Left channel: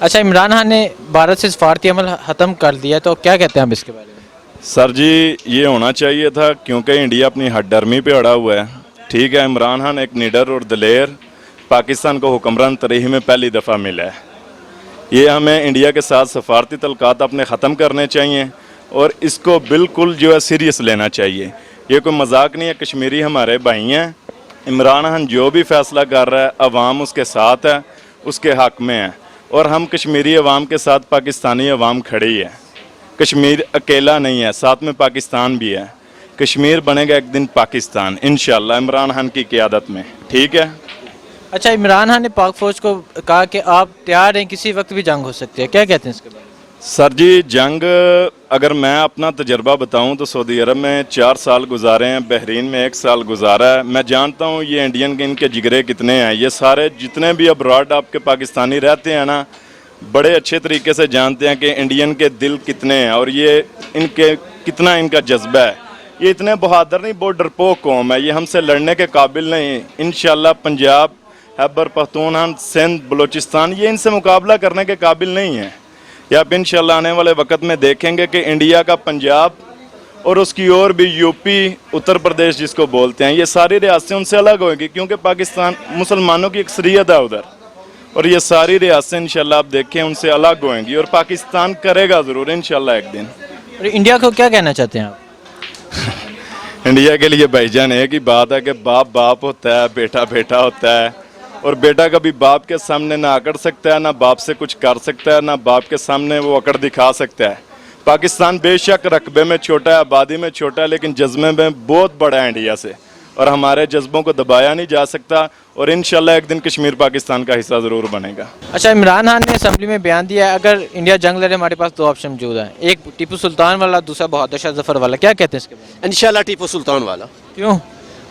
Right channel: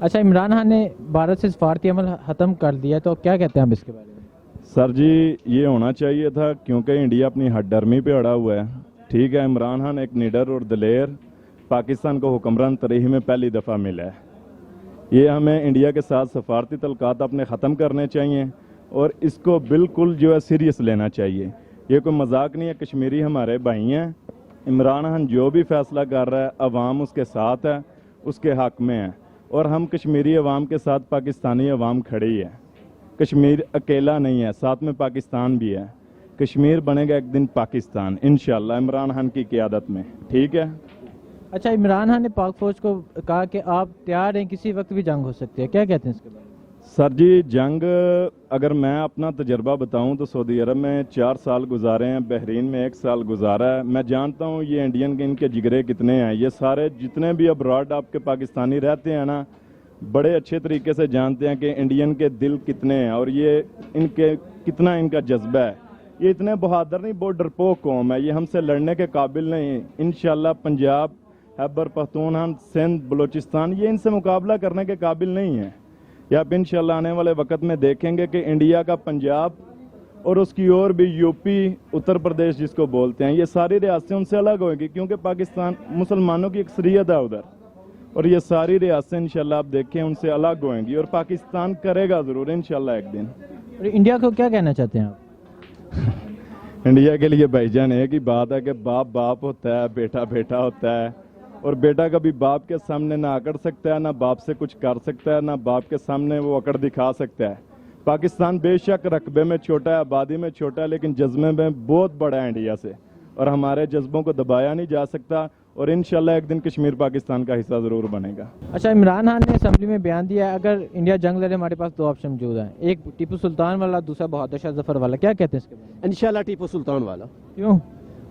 अच्छा, इमरान खान ने भारत से सफारती अमल ख़त्म कर दिया, तो क्या कहते हैं आप इसके बारे में? सर जी, ये होना चाहिए था क्योंकि इंडिया अपनी हठधर्मी पे अड़ा हुआ है। ठीक है, इमरान खान एक निडर और दलेर पाकिस्तान को हुक्मरान तरीक़ में पहली दफ़ा मिला है। ये हमें इंडिया के साथ सफारती तल्क़ात अपने ख़त्म करने चाहिए और इसको बिल्कुल जो है सीरियस लेना चाहिए। ये कोई मजाक नहीं है, कश्मीरी हमारे भाई हैं। इमरान खान जो भी फ़ैसला कर रहा है, अवाम उसके साथ है, उसके हक़ में है और हम कश्मीरी अवाम के साथ पाकिस्तानी अवाम खड़ी है। कश्मीर अकेला नहीं है, साथ में पाकिस्तान भी है। कश्मीर बनेगा एक दिन पाकिस्तान इंशाअल्लाह, इमरान खान की क़यादत में। ठीक है। अच्छा, इमरान खान ने पाक फ़ौज को कहा कि आप तैयार हैं, किसी वक्त भी जंग हो सकती है, क्या कहते हैं इसके बारे में? सर जी, जंग अगर मैं अपना तजर्बा बताऊं तो सऊदी अरब में 4 साल गुजारे हैं, बहरीन में 1 साल गुजारा है। मैं जानता हूं ये इंडियन के इनके जिगरे कितने हैं। ये सारे जितने भी अब्रॉड आपके पाकिस्तानी रहते हैं ना, बड़े अच्छे तरीके से जानते हैं कि इंडियन के दिल कितने हैं और ये इनके कितना इनका जज्बा है। ये इतने बहादुर नहीं, बहुत डरपोक कौम है। ये हमसे लड़ने के काबिल नहीं। इंशाल्लाह पंजाब, खैबर पख्तूनख्वा, सिंध, बलूचिस्तान ये इनसे मुकाबला करने के काबिल नहीं है। या आप इंशाल्लाह आने वाले वक्त में देखेंगे कि इंडिया का पंजाब और उसकी ओर भी यूपी, उत्तर प्रदेश जिसको बोलते हैं, ये सारी रियासतें उनसे अलग होंगी क्योंकि पाकिस्तान मुसलमानों की अक्सरियत है उधर, और ये सारी रियासतें इंशाल्लाह आप देखें उनसे अलग होंगी और पाकिस्तान करेगा ज़रूर इंशाल्लाह एक दिन। और इंडिया को क्या कहना चाहते हैं आप? इंडिया के लिए भाईजान एक ही बात है कि बाप बाप होता है, बेटा बेटा होता है, और बेटा कभी बाप के सामने ना अकड़ सकता है, ना बाप से कुछ कर सकता है, ना बाप के सामने वो अकड़ दिखा सकता है। पाकिस्तान बेशक रकबे में छोटा है, आबादी में छोटा है, लेकिन जज्बे में बहुत बड़ा है इंडिया से, और हमारे जज्बों को दबाया नहीं जा सकता और इंशाल्लाह एक दिन कश्मीर पाकिस्तान का हिस्सा ज़रूर बनेगा। अच्छा, इमरान खान ने असम्बली में बयान दिया है, अगर इंडिया जंग लड़े हमारे पास 2 ऑप्शन मौजूद हैं, एक टीपू सुल्तान वाला, दूसरा बहादुर शाह जफर वाला, क्या कहते हैं इसके बारे में? इंशाल्लाह टीपू सुल्तान वाला। क्यों?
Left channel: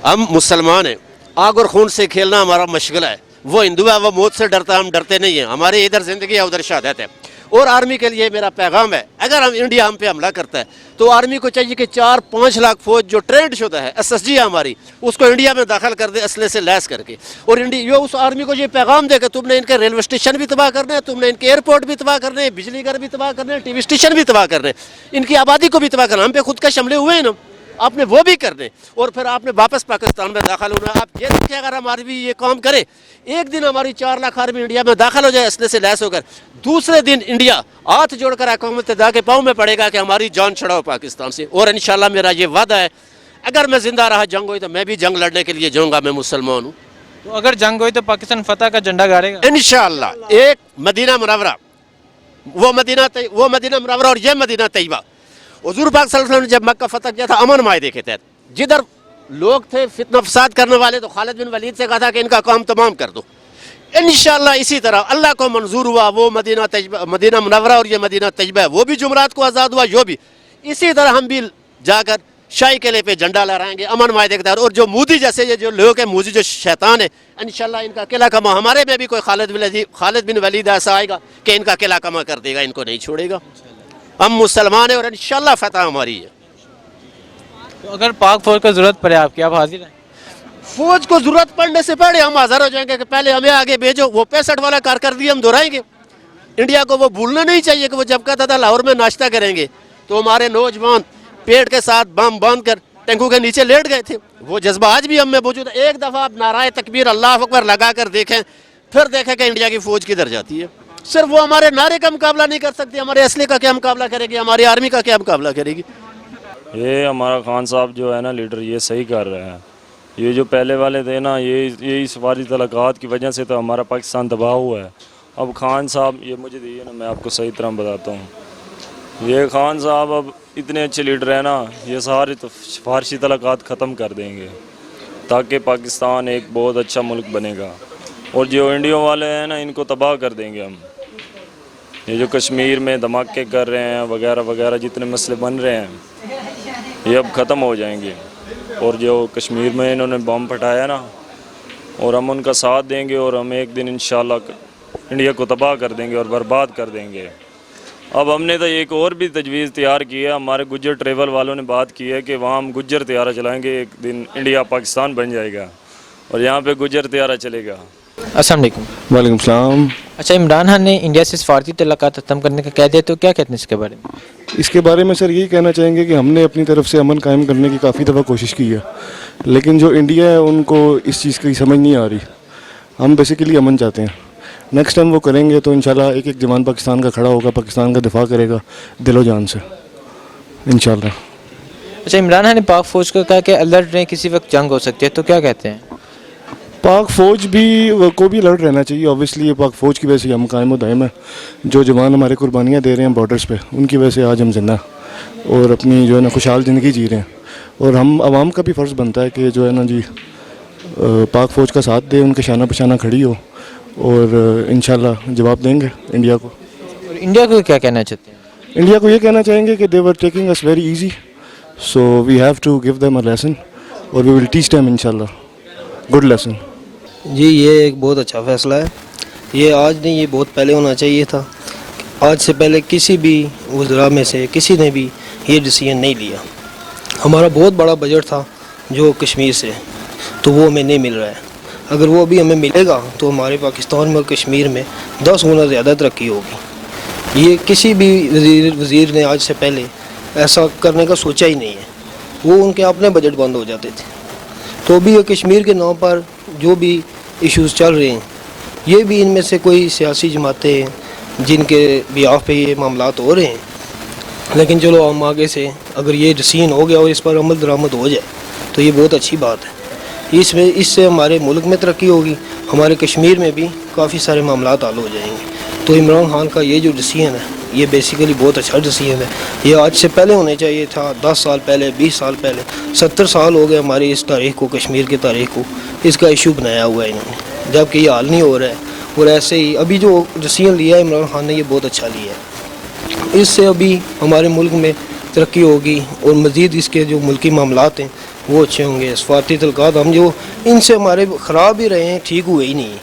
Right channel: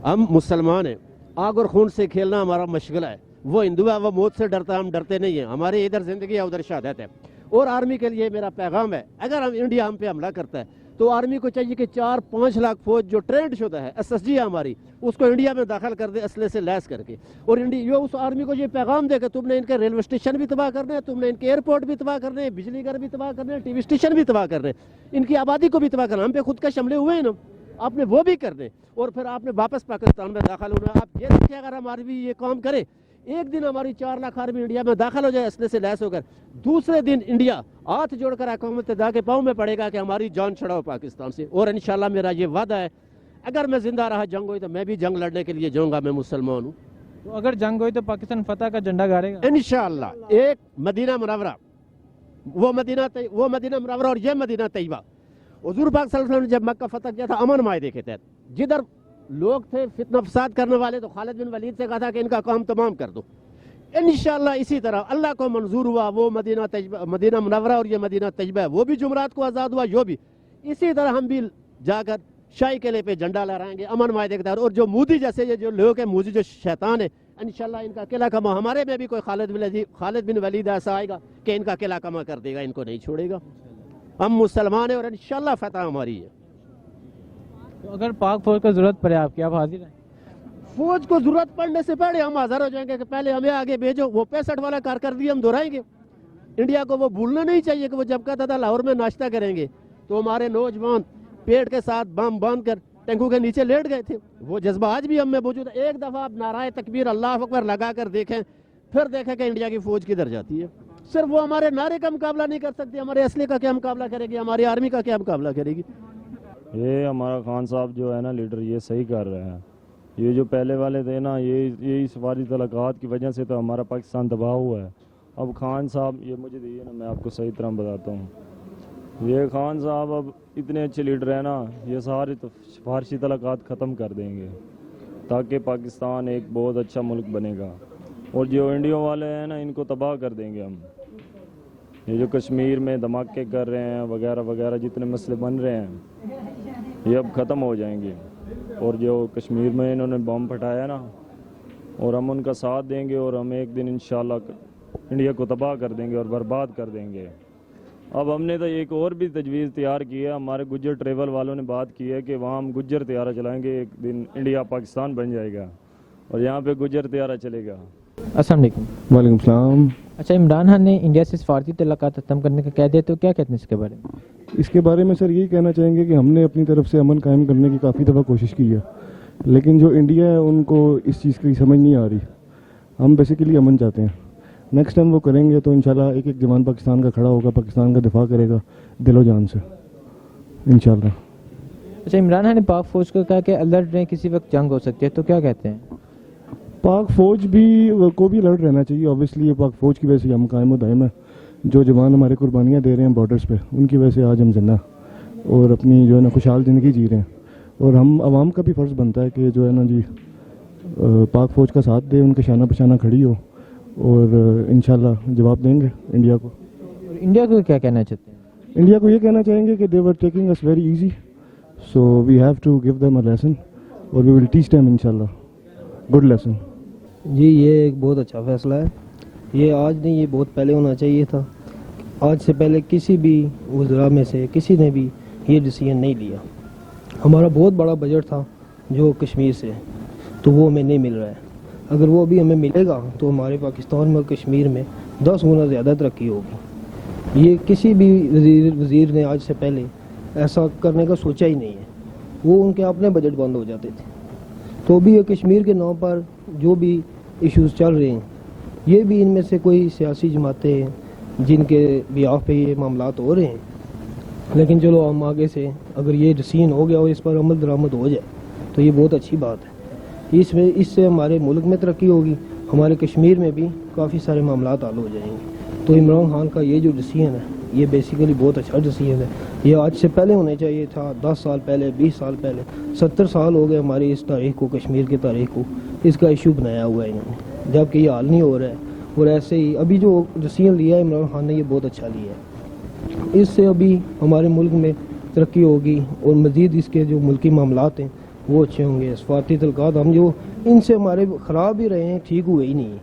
हम मुसलमान हैं, आग और खून से खेलना हमारा मशगला है। वो हिंदू है, वो मौत से डरता है, हम डरते नहीं हैं। हमारी इधर ज़िंदगी है, उधर शहादत है। और आर्मी के लिए मेरा पैगाम है, अगर इंडिया हम पे हमला करता है तो आर्मी को चाहिए कि 4-5 लाख फौज जो ट्रेंड शुदा है, SSG है हमारी, उसको इंडिया में दाखिल कर दे असले से लैस करके। और इंडिया उस आर्मी को ये पैगाम दे कि तुमने इनके रेलवे स्टेशन भी तबाह करने हैं, तुमने इनके एयरपोर्ट भी तबाह करने हैं, बिजली घर भी तबाह करने हैं, TV स्टेशन भी तबाह करने हैं, इनकी आबादी को भी तबाह करना। हम पे खुद का हमले हुए हैं ना, आपने वो भी करने और फिर आपने वापस पाकिस्तान में दाखिल होना। आप ये देखिए, अगर हमारी भी ये काम करे, एक दिन हमारी 4 लाख आर्मी इंडिया में दाखिल हो जाए असले से लैस होकर, दूसरे दिन इंडिया हाथ जोड़कर हुकूमत के पाँव में पड़ेगा कि हमारी जान छड़ाओ पाकिस्तान से। और इंशाल्लाह मेरा ये वादा है, अगर मैं जिंदा रहा जंग हुई तो मैं भी जंग लड़ने के लिए जाऊँगा। मैं मुसलमान हूँ। तो अगर जंग हुई तो पाकिस्तान फतह का झंडा गाड़ेगा इंशाल्लाह। एक मदीना मुनव्वरा, वो मदीना मुनव्वरा और ये मदीना तैयबा, हुजूर पाक सल्लल्लाहु अलैहि वसल्लम ने जब मक्का फतह किया था अमन मायदे के तहत, जिधर लोग थे फितना फसाद करने वाले, तो खालिद बिन वलीद से कहा था कि इनका काम तमाम कर दो। इंशाल्लाह इसी तरह अल्लाह को मंजूर हुआ, वो मदीना मुनव्वरा और ये मदीना तैयबा है, वो भी जुमरात को आज़ाद हुआ, यो भी। इसी तरह हम भी जाकर शाही किले पे झंडा लहराएंगे अमन मायदे के तहत। और जो मोदी जैसे ये जो लोग हैं, मोदी जो शैतान है, इंशाल्लाह इनका किला कमा, हमारे में भी कोई खालिद बिन वलीद ऐसा आएगा कि इनका किला कमा कर देगा, इनको नहीं छोड़ेगा। हम मुसलमान हैं और इंशाल्लाह फतह हमारी है। तो अगर पाक फौज को जरूरत पड़े आपकी, आप हाजिर हैं? फौज को जरूरत पड़ने से पहले हम हाजिर हो जाएंगे कि पहले हमें आगे भेजो। वो 65 वाला कारकर्दगी हम दोहराएंगे। इंडिया को वो भूलना नहीं चाहिए कि वो जब कहता था लाहौर में नाश्ता करेंगे तो हमारे नौजवान पेट के साथ बम बांध कर टैंकों के नीचे लेट गए थे। वो जज्बा आज भी हम में मौजूद है। एक दफ़ा आप नाराए तकबीर अल्लाह अकबर लगा कर देखें, फिर देखें कि इंडिया की फौज किधर जाती है। सिर्फ वो हमारे नारे का मुकाबला नहीं कर सकती, हमारे असले का क्या मुकाबला करेगी, हमारी आर्मी का क्या मुकाबला करेगी। ये हमारा खान साहब जो है ना लीडर, ये सही कर रहे हैं। ये जो पहले वाले थे ना, ये इस वाली तलक़ात की वजह से तो हमारा पाकिस्तान दबा हुआ है। अब खान साहब ये मुझे दिए ना, मैं आपको सही तरह बताता हूँ। ये खान साहब अब इतने अच्छे लीडर हैं ना, ये सारे तो फारसी तलक़ात ख़त्म कर देंगे ताकि पाकिस्तान एक बहुत अच्छा मुल्क बनेगा। और जो इंडिया वाले हैं ना, इनको तबाह कर देंगे हम। ये जो कश्मीर में धमाके कर रहे हैं वगैरह वगैरह, जितने मसले बन रहे हैं, ये अब ख़त्म हो जाएंगे। और जो कश्मीर में इन्होंने बम फटाया ना, और हम उनका साथ देंगे और हम एक दिन इंशाल्लाह इंडिया को तबाह कर देंगे और बर्बाद कर देंगे। अब हमने तो एक और भी तजवीज़ तैयार की है। हमारे गुज्जर ट्रेवल वालों ने बात की है कि वहाँ हम गुज्जर त्यारा चलाएँगे, एक दिन इंडिया पाकिस्तान बन जाएगा और यहाँ पे गुज्जर त्यारा चलेगा। अस्सलाम वालेकुम। वालेकुम सलाम। अच्छा, इमरान खान ने इंडिया से सफारती तल्लुकात ख़त्म करने का कह दिया, तो क्या कहते हैं इसके बारे में? इसके बारे में सर यही कहना चाहेंगे कि हमने अपनी तरफ से अमन कायम करने की काफ़ी दफ़ा कोशिश की है, लेकिन जो इंडिया है उनको इस चीज़ की समझ नहीं आ रही। हम बेसिकली अमन चाहते हैं, नेक्स्ट टाइम वो करेंगे तो इंशाल्लाह एक एक जवान पाकिस्तान का खड़ा होगा, पाकिस्तान का दिफा करेगा दिलो जान से इंशाल्लाह। अच्छा, इमरान खान ने पाक फ़ौज को कहा कि अलर्ट रहें, किसी वक्त जंग हो सकती है, तो क्या कहते हैं? पाक फ़ौज भी को भी अलर्ट रहना चाहिए। ऑब्वियसली ये पाक फ़ौज की वजह से हम कायम व दायम है। जो जवान हमारे कुर्बानियाँ दे रहे हैं बॉर्डर्स पे, उनकी वजह से आज हम जिंदा और अपनी जो है ना खुशहाल ज़िंदगी जी रहे हैं। और हम आवाम का भी फ़र्ज़ बनता है कि जो है ना जी पाक फ़ौज का साथ दे, उनके शाना पशाना खड़ी हो और इंशाल्लाह जवाब देंगे इंडिया को। और इंडिया को क्या कहना चाहते हैं? इंडिया को ये कहना चाहेंगे कि they were taking us very easy, so we have to give them a lesson और वी विल टीच देम इंशाल्लाह गुड लेसन। जी, ये एक बहुत अच्छा फ़ैसला है। ये आज नहीं, ये बहुत पहले होना चाहिए था। आज से पहले किसी भी वज़रा में से किसी ने भी ये डिसीजन नहीं लिया। हमारा बहुत बड़ा बजट था जो कश्मीर से, तो वो हमें नहीं मिल रहा है। अगर वो भी हमें मिलेगा तो हमारे पाकिस्तान में और कश्मीर में 10 गुना ज़्यादा तरक्की होगी। ये किसी भी वज़ीर ने आज से पहले ऐसा करने का सोचा ही नहीं है। वो उनके अपने बजट बंद हो जाते थे। तो भी ये कश्मीर के नाम पर जो भी इश्यूज़ चल रहे हैं, ये भी इनमें से कोई सियासी जमातें हैं जिनके बिहाफ पे ये मामलात हो रहे हैं। लेकिन चलो हम आगे से अगर ये डिसीजन हो गया और इस पर अमल दरामद हो जाए तो ये बहुत अच्छी बात है। इससे हमारे मुल्क में तरक्की होगी, हमारे कश्मीर में भी काफ़ी सारे मामलात हल हो जाएंगे। तो इमरान खान का ये जो डिसीजन है ये बेसिकली बहुत अच्छा डिसीजन है। ये आज से पहले होने चाहिए था, 10 साल पहले, 20 साल पहले। 70 साल हो गए हमारी इस तारीख को, कश्मीर की तारीख को इसका इशू बनाया हुआ है इन्होंने, जबकि ये हाल नहीं हो रहा है। और ऐसे ही अभी जो डिसीजन लिया है इमरान खान ने, ये बहुत अच्छा लिया है। इससे अभी हमारे मुल्क में तरक्की होगी और मज़ीद इसके जो मुल्की मामलात हैं वो अच्छे होंगे। सफारती तल्लुकात हम जो इनसे हमारे ख़राब भी रहे हैं, ठीक हुए ही नहीं है,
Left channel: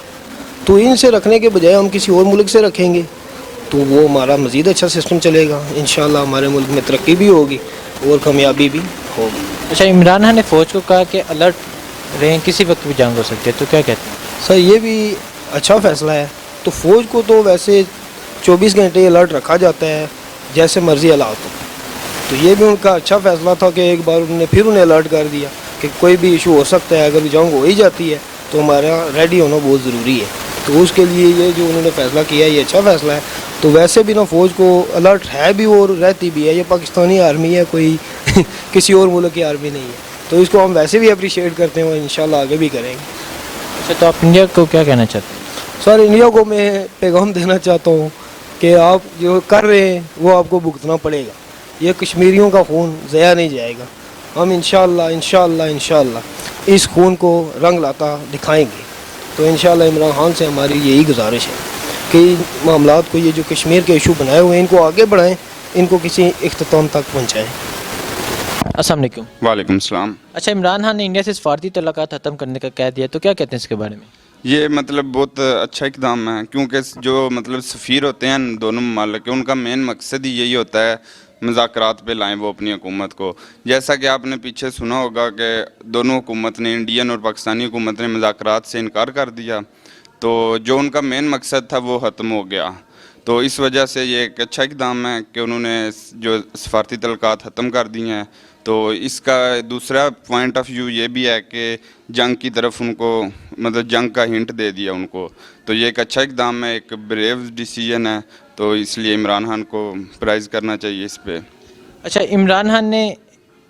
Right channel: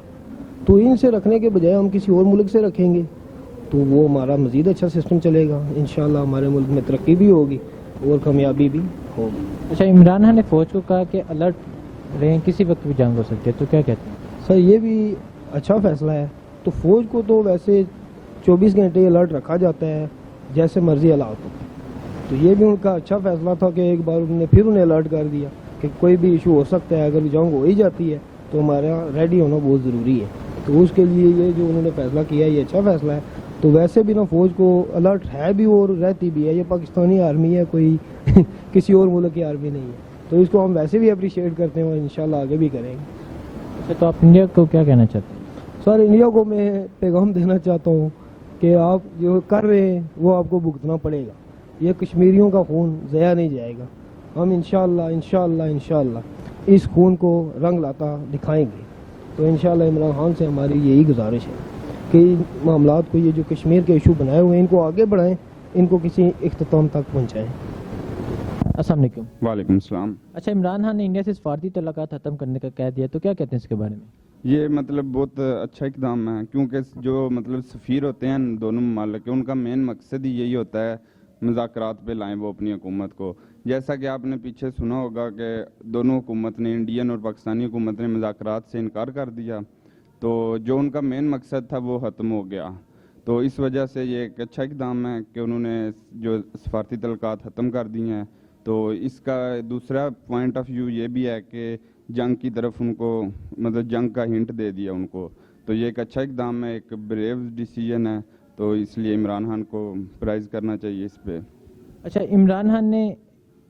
तो इनसे रखने के बजाय हम किसी और मुल्क से रखेंगे तो वो हमारा मज़ीद अच्छा सिस्टम चलेगा। इंशाल्लाह हमारे मुल्क में तरक्की भी होगी और कामयाबी भी होगी। अच्छा, इमरान खान ने फ़ौज को कहा कि अलर्ट रहें, किसी वक्त भी जंग हो सकती है, तो क्या कहते हैं? सर, ये भी अच्छा फ़ैसला है। तो फ़ौज को तो वैसे 24 घंटे अलर्ट रखा जाता है, जैसे मर्ज़ी हालात हो। तो ये भी उनका अच्छा फ़ैसला था कि एक बार उन्होंने फिर उन्हें अलर्ट कर दिया कि कोई भी इशू हो सकता है। अगर जंग हो ही जाती है तो हमारा रेडी होना बहुत ज़रूरी है। तो उसके लिए ये जो उन्होंने फ़ैसला किया ये अच्छा फ़ैसला है। तो वैसे भी ना फ़ौज को अलर्ट है भी और रहती भी है। ये पाकिस्तानी आर्मी है, कोई किसी और मुल्क की आर्मी नहीं है। तो इसको हम वैसे भी अप्रिशिएट करते हैं और इंशाल्लाह आगे भी करेंगे। अच्छा, तो आप इंडिया को क्या कहना चाहते हैं? सर, इंडिया को मैं पैगाम देना चाहता हूँ कि आप जो कर रहे हैं वो आपको भुगतना पड़ेगा। ये कश्मीरियों का खून ज़या नहीं जाएगा। हम इंशाल्लाह इस खून को रंग लाता दिखाएंगे। तो इंशाल्लाह इमरान खान से हमारी यही गुजारिश है कि मामलात को, ये जो कश्मीर के इशू बनाए हुए हैं, इनको आगे बढ़ाएं, इनको किसी इख्तिताम तक पहुँचाएँ। अस्सलाम वालेकुम। वालेकुम सलाम। अच्छा, इमरान खान ने इंडिया से सफारती तल्लुकात ख़त्म करने का कह दिया, तो क्या कहते हैं इसके बारे में? ये मतलब बहुत अच्छा इकदाम है, क्योंकि जो मतलब सफ़ीर होते हैं दोनों ममालिक के, उनका मेन मकसद ही यही होता है मुज़ाकरात पे लाएं वो अपनी हुकूमत को। जैसा कि आपने पीछे सुना होगा कि दोनों हुकूमत ने, इंडियन और पाकिस्तानी हुकूमत ने मुज़ाकरात से इनकार कर दिया, तो जो उनका मेन मकसद था वो ख़त्म हो गया। तो इस वजह से ये एक अच्छा इकदाम है कि उन्होंने जो सफारती तल्लुकात ख़त्म कर दिए हैं। तो इसका दूसरा पॉइंट ऑफ व्यू ये भी है कि जंग की तरफ उनको, मतलब जंग का हिंट दे दिया उनको। तो ये एक अच्छा इकदाम है, एक ब्रेव डिसीजन है, तो इसलिए इमरान खान को प्राइज़ करना चाहिए इस पे। अच्छा, इमरान खान ने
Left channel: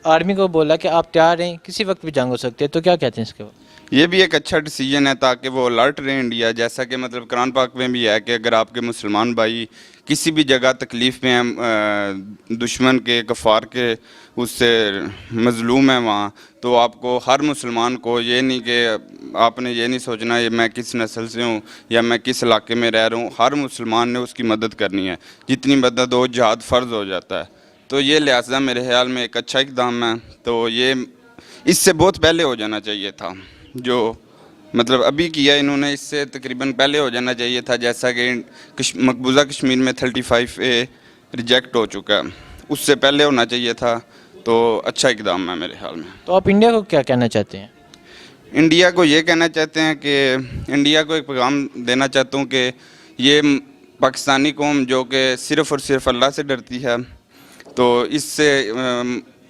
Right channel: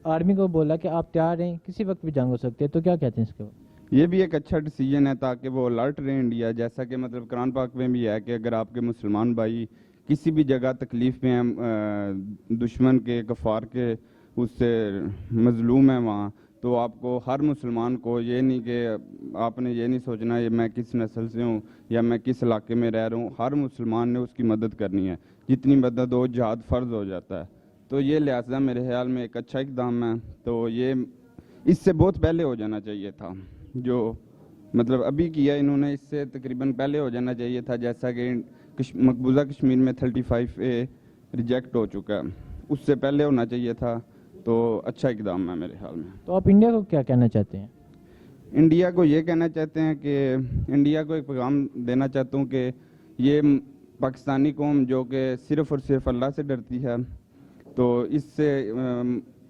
आर्मी को बोला कि आप तैयार हैं, किसी वक्त भी जंग हो सकती है, तो क्या कहते हैं इसके बाद? ये भी एक अच्छा डिसीजन है ताकि वो अलर्ट रहे इंडिया। जैसा कि मतलब कुरान पाक में भी है कि अगर आपके मुसलमान भाई किसी भी जगह तकलीफ़ में हैं, दुश्मन के, कफ़ार के, उससे मज़लूम है वहाँ, तो आपको हर मुसलमान को ये नहीं कि आपने ये नहीं सोचना ये मैं किस नस्ल से हूँ या मैं किस इलाके में रह रहा हूँ। हर मुसलमान ने उसकी मदद करनी है, जितनी मदद हो जिहाद फ़र्ज़ हो जाता है। तो ये लिहाजा मेरे ख्याल में एक अच्छा इक़दाम है। तो ये इससे बहुत पहले हो जाना चाहिए था, जो मतलब अभी किया इन्होंने, इससे तकरीबन पहले हो जाना चाहिए था। जैसा कि मकबूजा कश्मीर में 35A रिजेक्ट हो चुका है, उससे पहले होना चाहिए था। तो अच्छा इकदाम है मेरे ख्याल में। तो आप इंडिया को क्या कहना चाहते हैं? इंडिया को ये कहना चाहते हैं कि इंडिया को एक पैगाम देना चाहता हूँ कि ये पाकिस्तानी कौम जो कि सिर्फ़ और सिर्फ अल्लाह से डरती है, तो इससे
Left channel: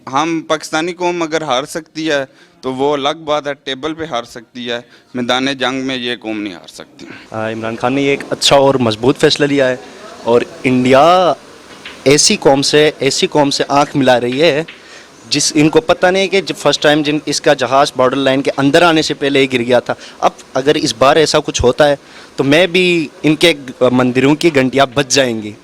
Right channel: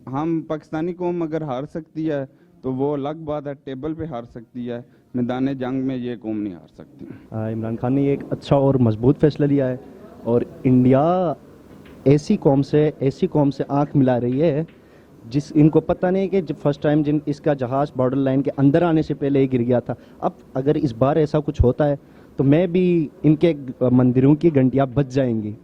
हम पाकिस्तानी कौम अगर हार सकती है तो वो अलग बात है, टेबल पे हार सकती है, मैदान जंग में ये कौम नहीं हार सकती। इमरान खान ने ये एक अच्छा और मजबूत फैसला लिया है और इंडिया ऐसी कौम से आंख मिला रही है जिस इनको पता नहीं कि जब फर्स्ट टाइम जिन इसका जहाज़ बॉर्डर लाइन के अंदर आने से पहले ही गिर गया था। अब अगर इस बार ऐसा कुछ होता है तो मैं भी इनके मंदिरों की घंटियाँ बज जाएंगी।